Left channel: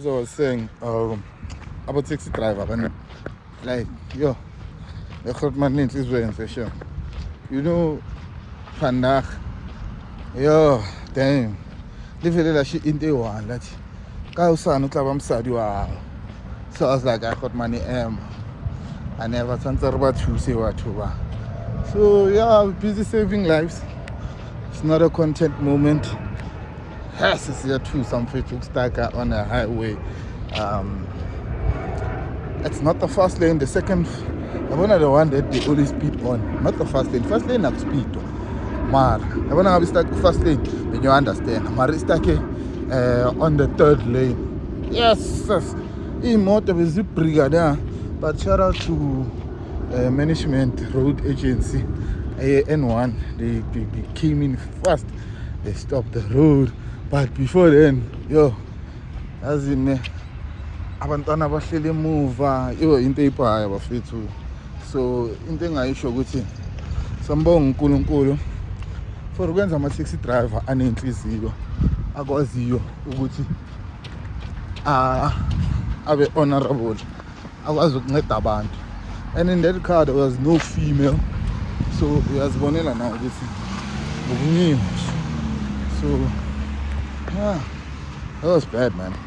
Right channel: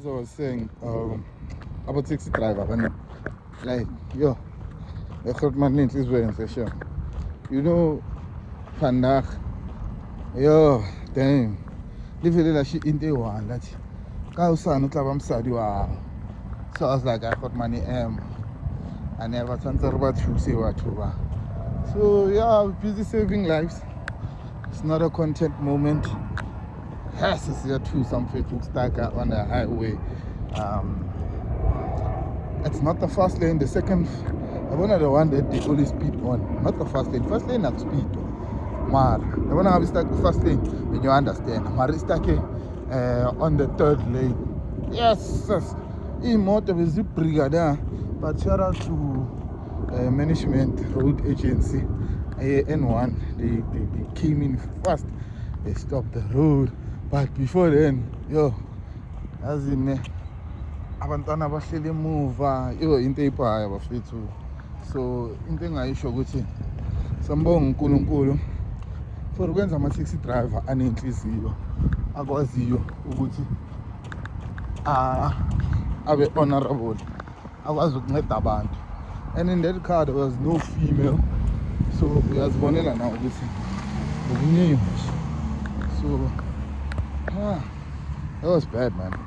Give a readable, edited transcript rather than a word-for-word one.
As I was saying, about taxi driver, man. Like, yo, the Grootman needs his way for sure. You know, vandaag, yo, damn. Livele she in the one that ka usana utlaba msadi wao. So I was like, I got money I never transfer about to say what to. So yeah, busy saving lives. It's not a content moment. Has to see to some Facebook stacker on the highway. It's not the fast lane, the second one of the one that they always speed on. Not the fast lane. Fast lane have speed. Mar. The one I stuck fast lane, then you understand. Mar is stuck on the third lane. Yes, yes. Motor is a brigadier. But shout out to management road agency N1. They came in fast. They stopped the road. But before then, yo, as in abantwana bahlele emuva into iphayo bafethu. So into engayisho ukuthi sambonga uNkulunkulu for ukwenza ama-taxi driver anenhliziyo akwaziyo ukuthi abe honorable, akwazi ukunceda abantu. And in that car there was no female, so uyazibonela nawe ukuthi ukuningi. So yeah, that was bad, man.